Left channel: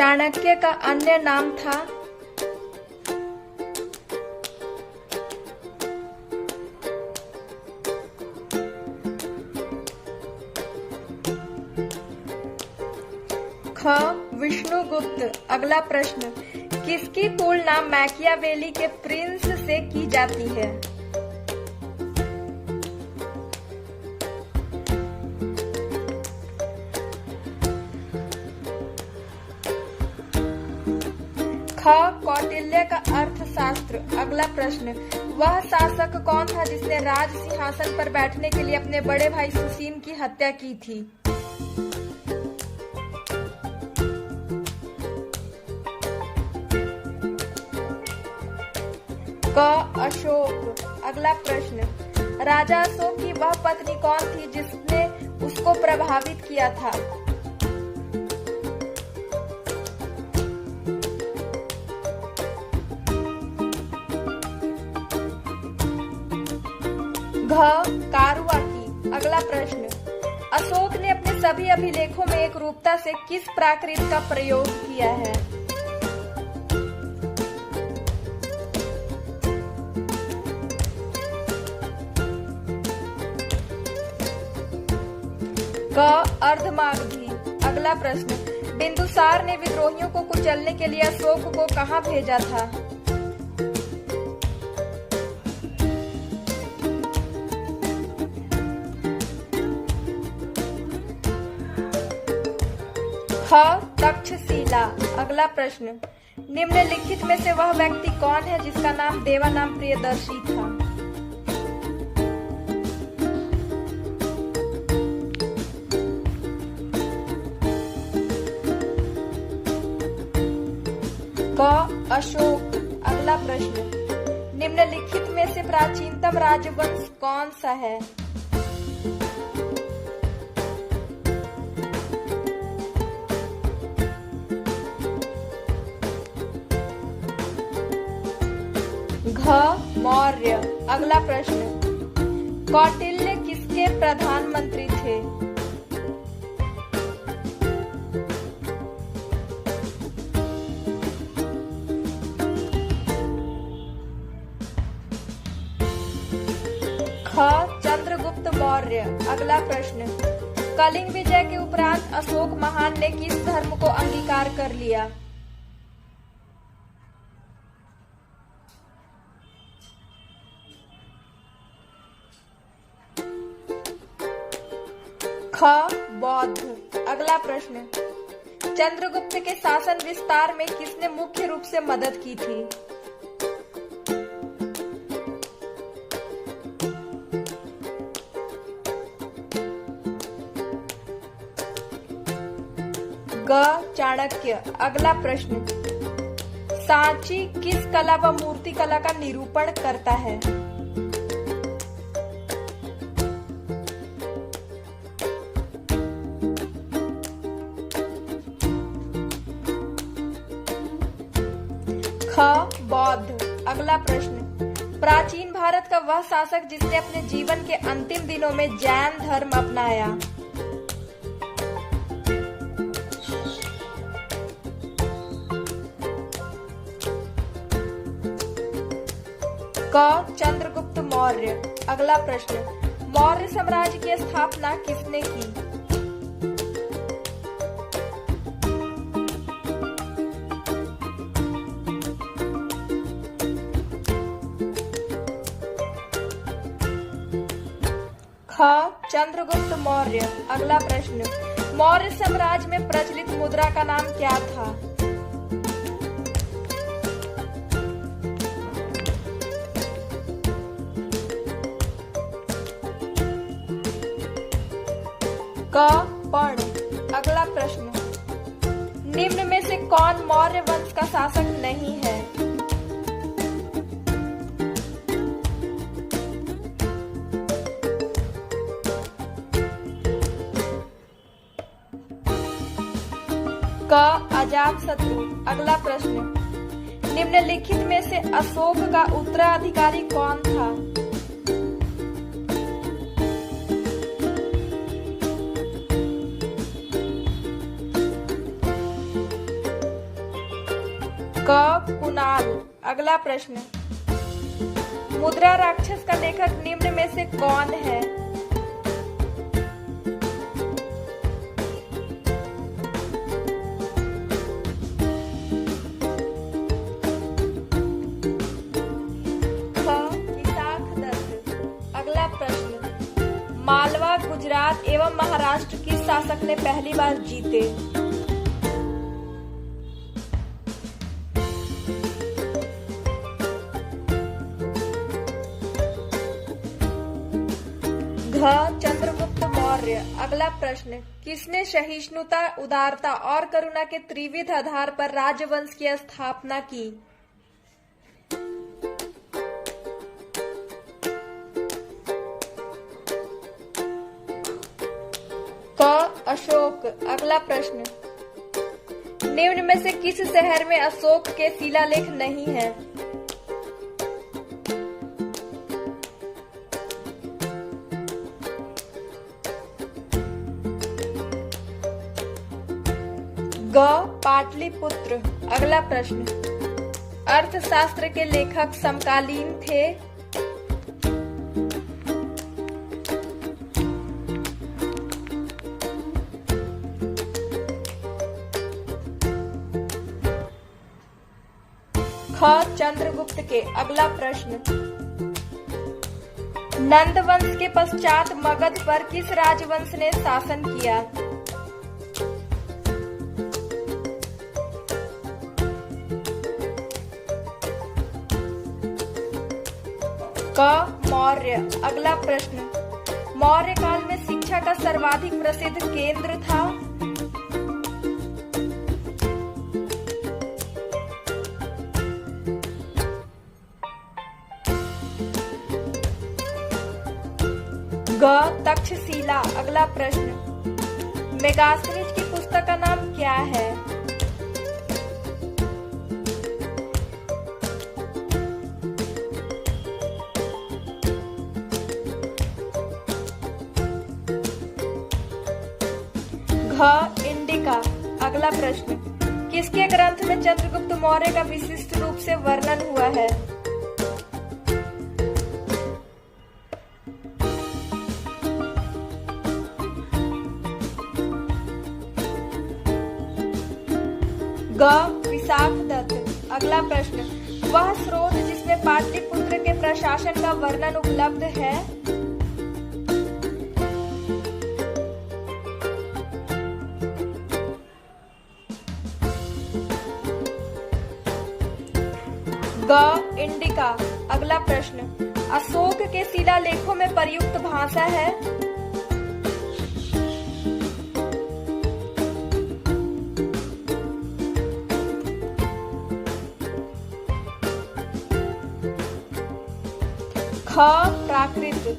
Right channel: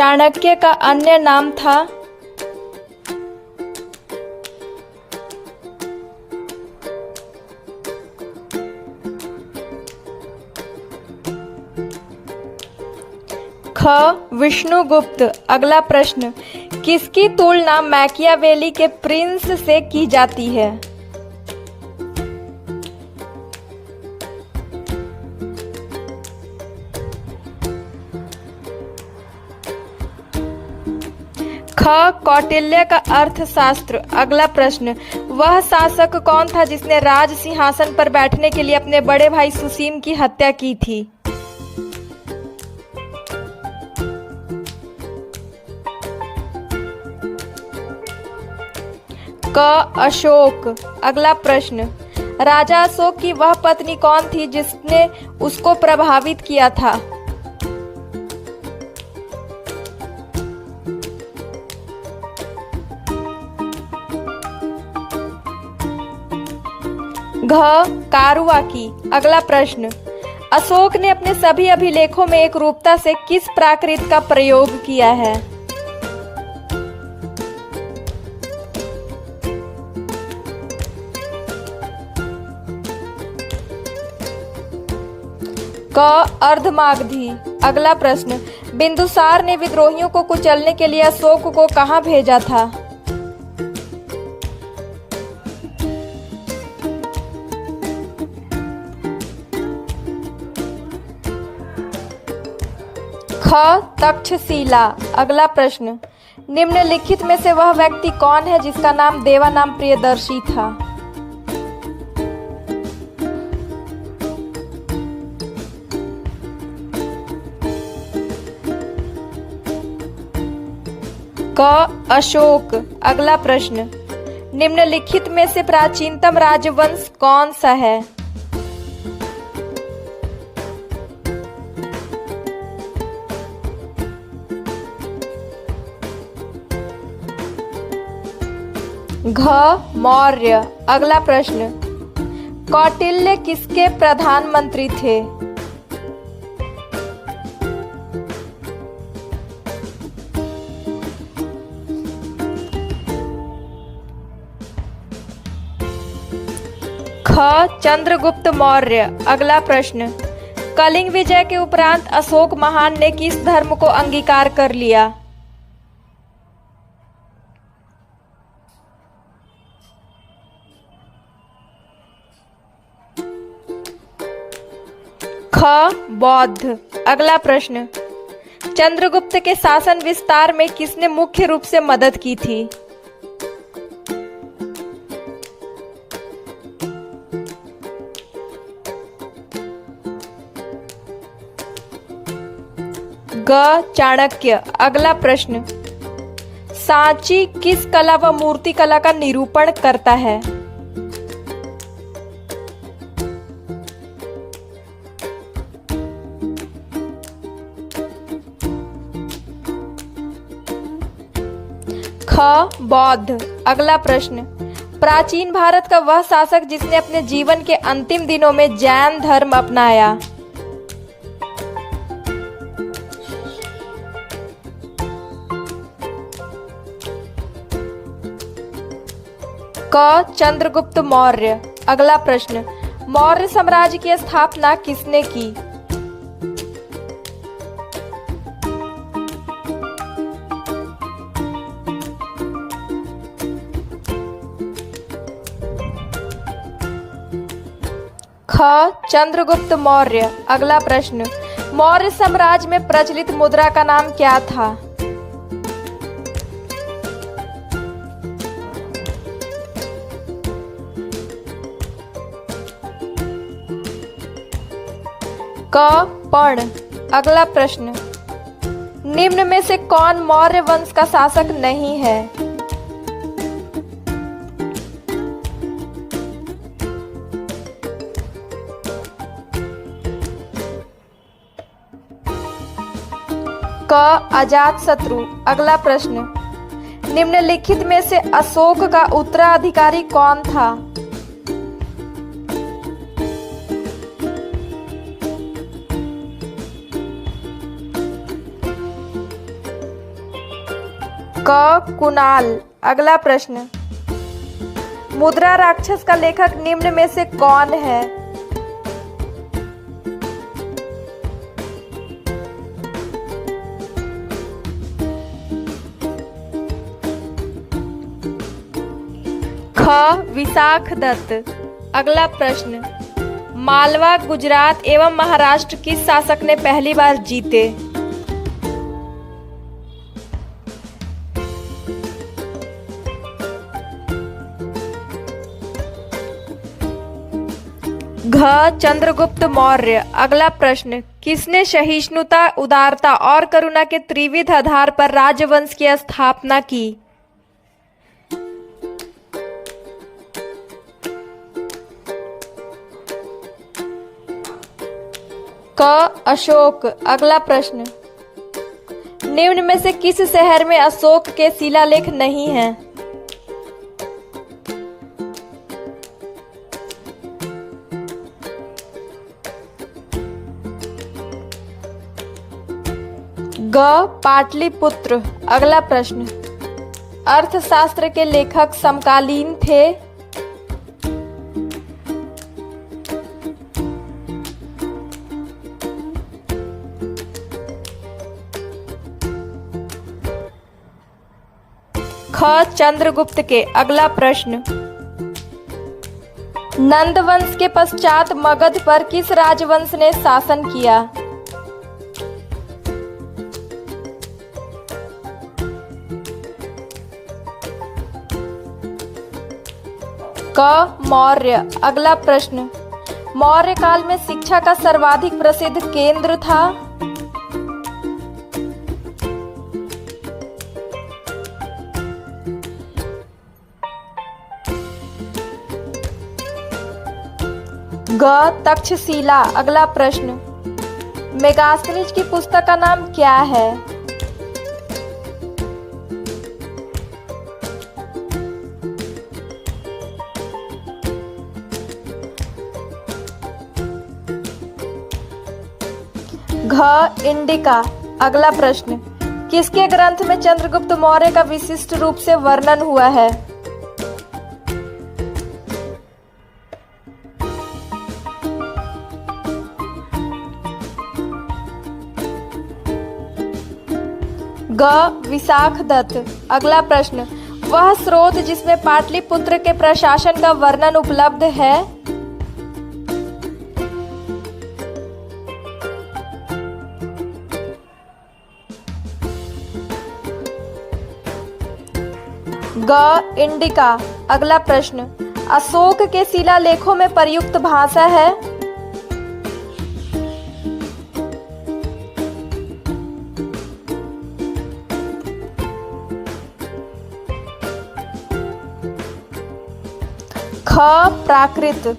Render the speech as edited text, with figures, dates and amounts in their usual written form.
चाणक्य का अन्य नाम था? ख. विष्णुगुप्त। अगला प्रश्न, किसकी तुलना मैकियावेली के प्रिंस से की जाती है? ख. कौटिल्य का अर्थशास्त्र। अगला प्रश्न, वह शासक कौन था जिसने राज सिंहासन पर बैठने के लिए अपने बड़े भाई सुसीम की हत्या की थी? क. अशोक। अगला प्रश्न, राजा अशोक की वह पत्नी कौन थी जिसने उसको प्रभावित किया था? घ. कारुआकी। अगला प्रश्न, अशोक ने अपने सभी अभिलेखों में एकरूपता से किस प्राकृत का प्रयोग किया है? क. अर्धमागधी। अगला प्रश्न, बिंदुसार ने विद्रोहियों को कुचलने के लिए अशोक को कहां भेजा था? ख. तक्षशिला। अगला प्रश्न, निम्नलिखित में से वह व्यक्ति कौन है जिसका नाम देवानाम प्रियदर्शी था? क. अशोक। अगला प्रश्न, निम्नलिखित में से प्राचीनतम राजवंश कौन सा है? घ. मौर्य। अगला प्रश्न, कौटिल्य किसके प्रधानमंत्री थे? ख. चंद्रगुप्त मौर्य। अगला प्रश्न, कलिंग विजय के उपरांत अशोक महान ने किस धर्म को अंगीकार कर लिया? ख. बौद्ध। अगला प्रश्न, चंद्रगुप्त के शासन विस्तार में किसने मुख्य रूप से मदद की थी? ग. चाणक्य। अगला प्रश्न, सांची किस कला व मूर्ति कला का निरूपण करता है? ख. बौद्ध। अगला प्रश्न, प्राचीन भारत का वह शासक जिसने अपने जीवन के अंतिम दिनों में जैन धर्म अपनाया? क. चंद्रगुप्त मौर्य। अगला प्रश्न, मौर्य साम्राज्य की स्थापना किसने की? ख. चंद्रगुप्त मौर्य। अगला प्रश्न, मौर्य साम्राज्य में प्रचलित मुद्रा का नाम क्या था? क. पर्ण। अगला प्रश्न, निम्न में से कौन मौर्य वंश का शासक नहीं है? क. अजातशत्रु। अगला प्रश्न, निम्नलिखित में से अशोक का उत्तराधिकारी कौन था? क कुणाल। अगला प्रश्न, मुद्रा राक्षस का लेखक निम्न में से कौन है? ख विशाख दत्त। अगला प्रश्न, मालवा, गुजरात एवं महाराष्ट्र किस शासक ने पहली बार जीते? घ चंद्रगुप्त मौर्य। अगला प्रश्न, किसने सहिष्णुता, उदारता और करुणा के त्रिविध आधार पर राजवंश की स्थापना की? क अशोक। अगला प्रश्न, निम्न में से किस शहर में अशोक के शिलालेख नहीं हैं? ग पाटलिपुत्र। अगला प्रश्न, अर्थशास्त्र के लेखक समकालीन थे? ख चंद्रगुप्त के। अगला प्रश्न, नंद वंश के पश्चात मगध पर किस राजवंश ने शासन किया? क मौर्य। अगला प्रश्न, मौर्य काल में शिक्षा का सर्वाधिक प्रसिद्ध केंद्र था? ग तक्षशिला। अगला प्रश्न, मेगास्थनीज की पुस्तक का नाम क्या है? घ इंडिका। अगला प्रश्न, किसके ग्रंथ में चंद्रगुप्त मौर्य का विशिष्ट रूप से वर्णन हुआ है? ग विशाख दत्त। अगला प्रश्न, वह स्रोत जिसमें पाटलिपुत्र के प्रशासन का वर्णन उपलब्ध है? ग इंडिका। अगला प्रश्न, अशोक के शिलालेखों में प्रयुक्त भाषा है? ख प्राकृत।